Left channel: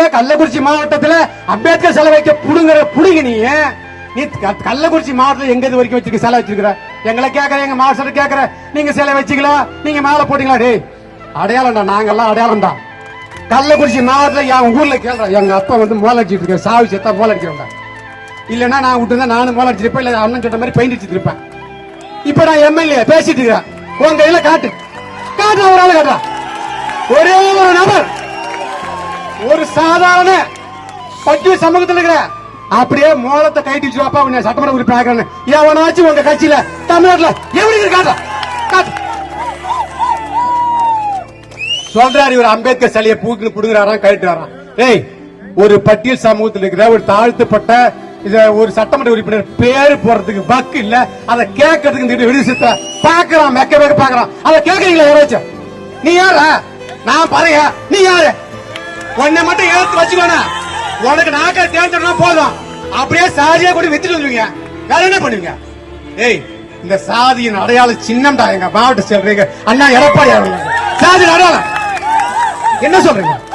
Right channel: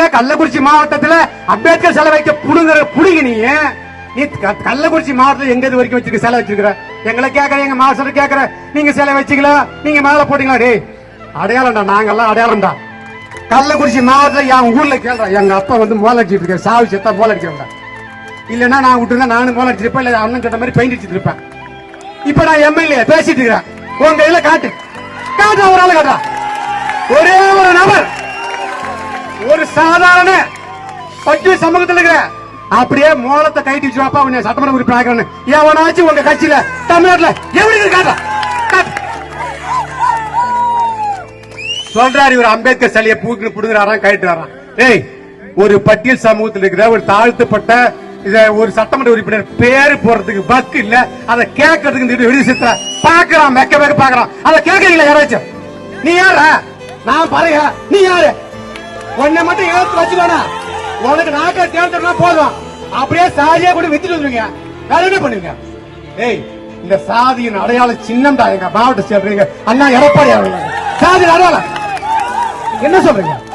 மாவட்டத்துல கள்ளக்குறிச்சி மாவட்டத்துல அம்பேத்கர் சிலை வைக்க புடுங்குற புடுங்கி நீ நீ கள்ளக்குறிச்சி மாவட்டத்துல எங்க இது வரைக்கும் வச்சிருக்க சிலை வச்சிருக்கிற? எங்களை கேக்குற எங்க மாஸ்டர் கேக்குற. நீங்க சிலை வச்சுக்கலாம் நீங்க மேல போட்டீங்களா? டேய் அடையாளம்டா நாங்கெல்லாம் அடையாளம்டா. கள்ளக்குறிச்சி மாவட்டத்துல என் ஊர்ல கேட்க எங்க அப்பா வந்து மோல அடிச்சிட்டு இருக்காரு. சாவி செத்தா மோல அடிக்கிறவங்க இல்லைன்னா நான் விட்டுருந்தா நானும் மோல அடிச்சிருப்பேன் இல்ல அண்ணன் கிட்ட மாதிரி பெயிண்ட் அடிச்சிட்டு இருப்பேன் இப்ப நான் எம்எல்ஏ பேசிட்டு இருக்கிறேன். உங்க இதுல காட்டு. காட்டு ஒரு ஆள் காட்டுறா. ஒரே ஒரு நபர். ஒரு சாதாரண பட்டி சமூகத்தில் இருக்கிற அப்படியே மூலத்தை கைட்டு வச்சுவாப்பா உன்னை சட்டமன்ற உறுப்பினர் எவனாச்சும் உங்க கட்சியில தமிழ்நாட்டுல எப்படி இருக்கு சொல்றாரு இவர் அம்பேத்கர் சிலையை பூக்கு கொடுக்குறாராம் கைட்டுறாராம் ஏய் ஒரு பட்டியல் சமூகத்தில் இருக்கிற ஒரு தாழ்த்தப்பட்ட இத ஒரு சட்டமன்ற உறுப்பினர் பேரு போறதுக்கு பக்கு இல்ல அதை கேட்கறதுக்கு விருது பாக்குறான் மெக்க மெக்க பாக்குறான் அதை கேட்கறீங்களா யாராச்சும்? நீ யாரா நான் பாறையா? நீ யாரு? உன்னை மட்டும் ஏத்து வச்சுக்கோனா. உனக்கு நாக்கா தேர்ந்தா போதும். அப்படியே சாதியை கூட வித்துட்டு வந்துருவீங்க. வேற என்ன பண்ணுவீங்க? ஏய் இந்த சாதியின் அடையாளம் சின்னம்டா எங்க மாவட்ட சொல்றீங்க. அண்ணா எடப்பாடி அவர்கள். சாதி அடையாளம். என்ன சொல்றீங்க?